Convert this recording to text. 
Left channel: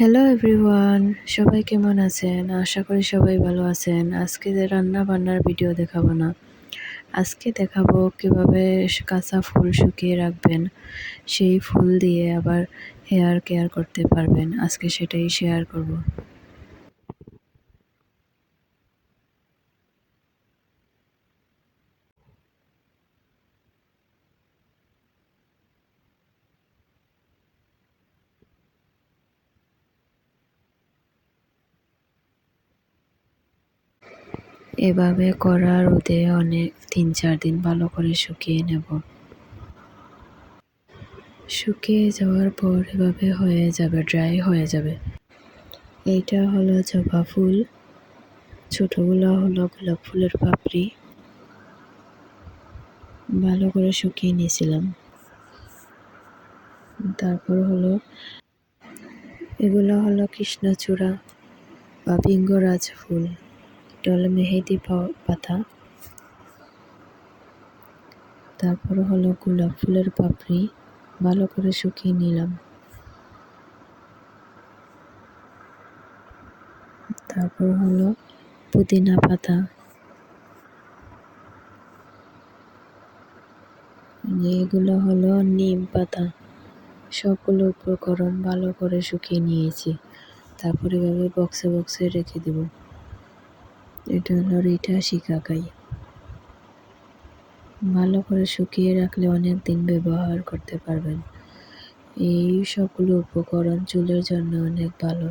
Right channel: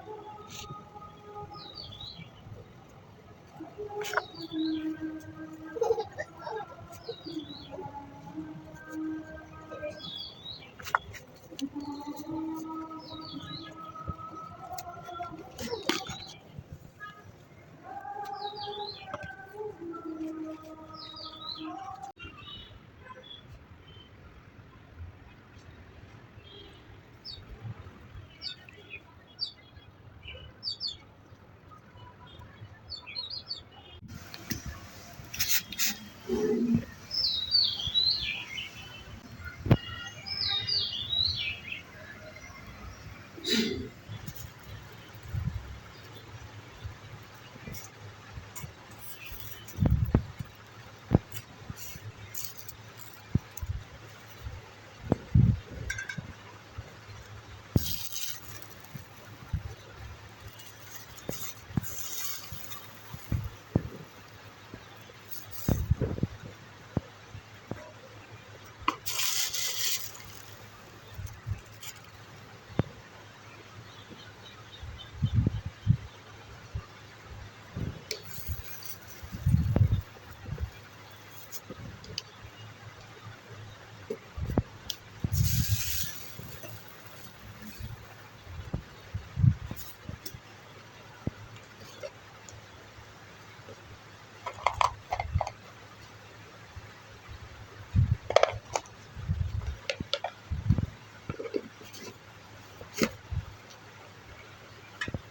Hello everyone সবাই কেমন আছেন? আশা করি সবাই ভালো আছেন। আজকে যে রান্না বান্নার ভিডিও দেখাবো না। আজকে দেখাবো কীভাবে কাঁচা ফুল শুকিয়ে রাখবেন। সেই ফুল দিয়ে আবার হেয়ার কেয়ার করতে পারবেন। আজকে সেটাই শেয়ার করব। এভাবে করা রোদে অনেক তিন চার দিন ভালো করে শুকিয়ে নেব। শুকিয়ে যাওয়ার পর এভাবে হয়ে যাবে ড্রাই হয়ে যাবে। এইটা হলো জবা ফুল। ছোটোগুলো হলো গোলাপ ফুলের পাপড়ি। ভালো করে শুকিয়ে নিয়েছিলাম। তারপর হলো এগুলো হলো কৃষ্ণচূড়া বা বিঙ্গরাজ ফুল। হলো মেহেদি পাতা। তারপরে হলো গোলাপ ফুলের পাপড়ি। ভালো করে শুকিয়ে নিলাম। তারপর হলো পুদিনা পাতা। এগুলো হলো নিম পাতা। সবগুলো উপকরণ ভালো করে শুকিয়ে নিয়েছি। তারপরে এভাবে বক্সে বক্সে রেখে দেবো। এটা হলো রিঠা শিকাকাই। ভালো করে শুকিয়ে রাখলে অনেক দিন ব্যবহার করতে পারবেন। এই সবগুলো উপকরণ চুলের জন্য অনেক ভালো।